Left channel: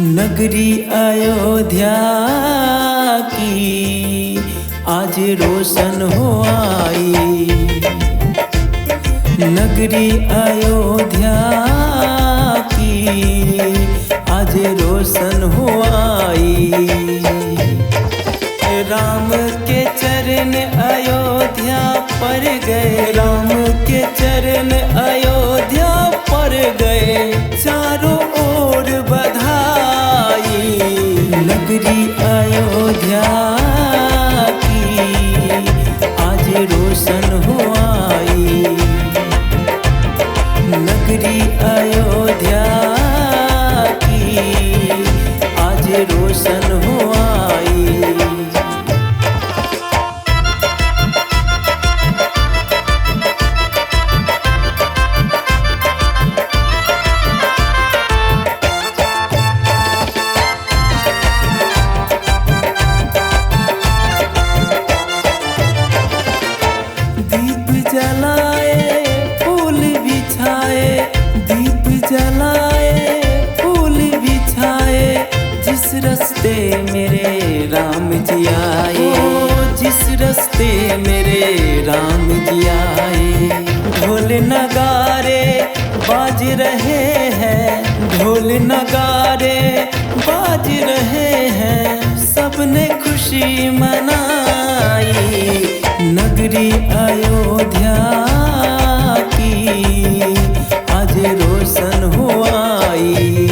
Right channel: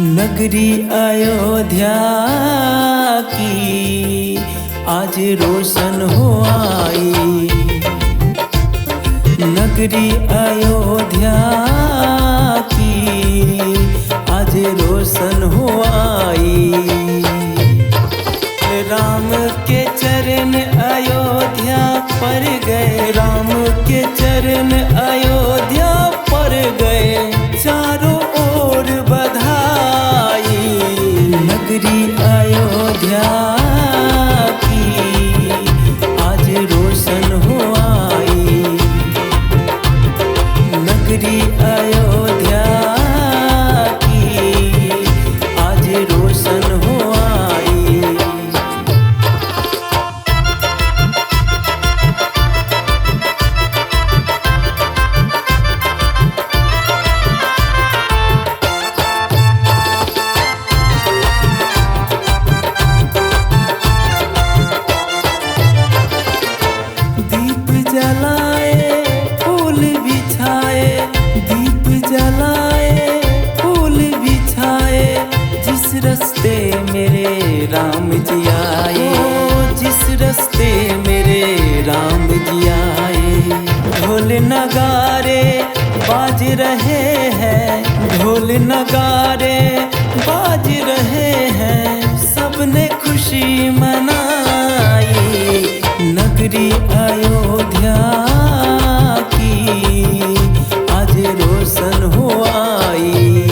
नगरी अयोध्या की आज रोशन हो आई। नगरी अयोध्या की आज रोशन हो आई। राम के चरण अयोध्या पर गए, राम के चरण अयोध्या पर गए, चारों ओर बधाई। नगरी अयोध्या की आज रोशन हो आई। नगरी अयोध्या की आज रोशन हो आई। दीप जलाए फूल बिछाए, दीप जलाए फूल बिछाए, जिस रास्ते मेरे राम जी आए, जिस रास्ते मेरे राम जी आए। ढोल नगारे बाज रहे हैं, ढोल नगारे बाज रहे हैं, सबने खुशी मनाई। नगरी अयोध्या की आज रोशन हो आई।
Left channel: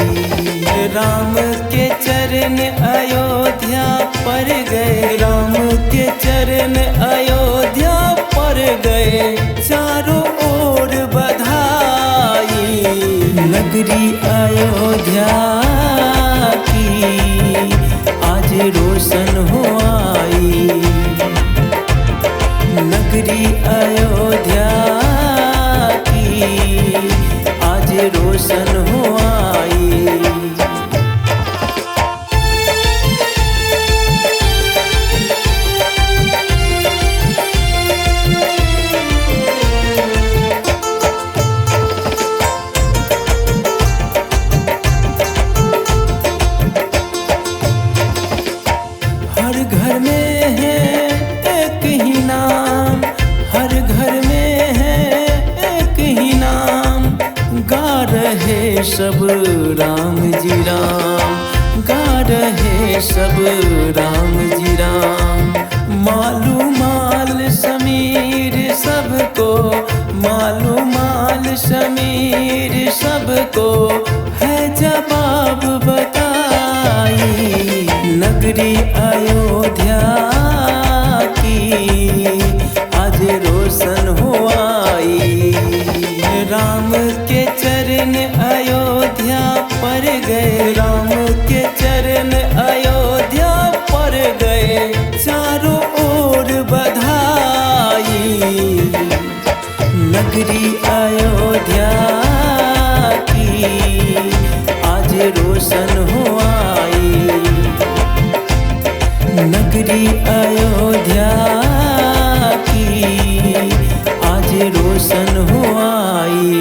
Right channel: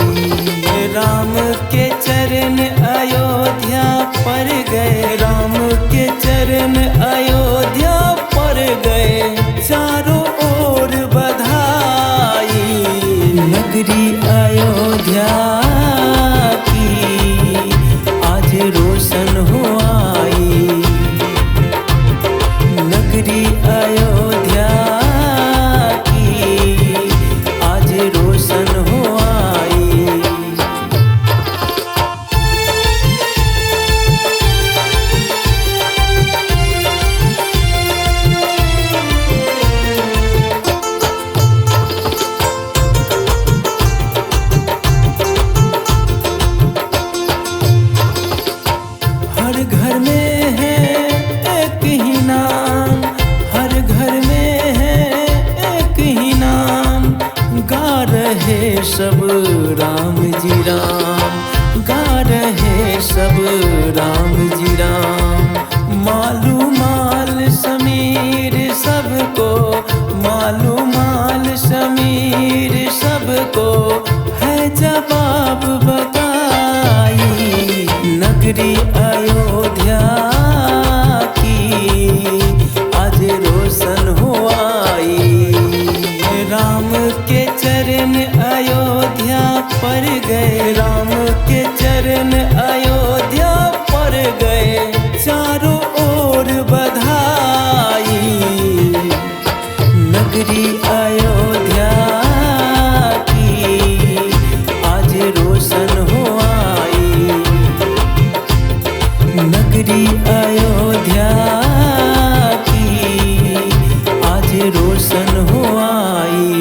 राम के चरण अयोध्या पर गए, राम के चरण अयोध्या पर गए, चारों ओर बधाई। नगरी अयोध्या की आज रोशन हो आई। नगरी अयोध्या की आज रोशन हो आई। हर घर में है एक ही नाम, हर घर में है एक ही नाम, गा रहे सब राम जी राम, गा रहे सब राम जी राम। मालू माल समीर सबको, मालू माल समीर सबको, है जवाब बताई। नगरी अयोध्या की आज रोशन हो आई। राम के चरण अयोध्या पर गए, राम के चरण अयोध्या पर गए, चारों ओर बधाई। नगरी अयोध्या की आज रोशन हो आई। नगरी अयोध्या की आज रोशन हो आई।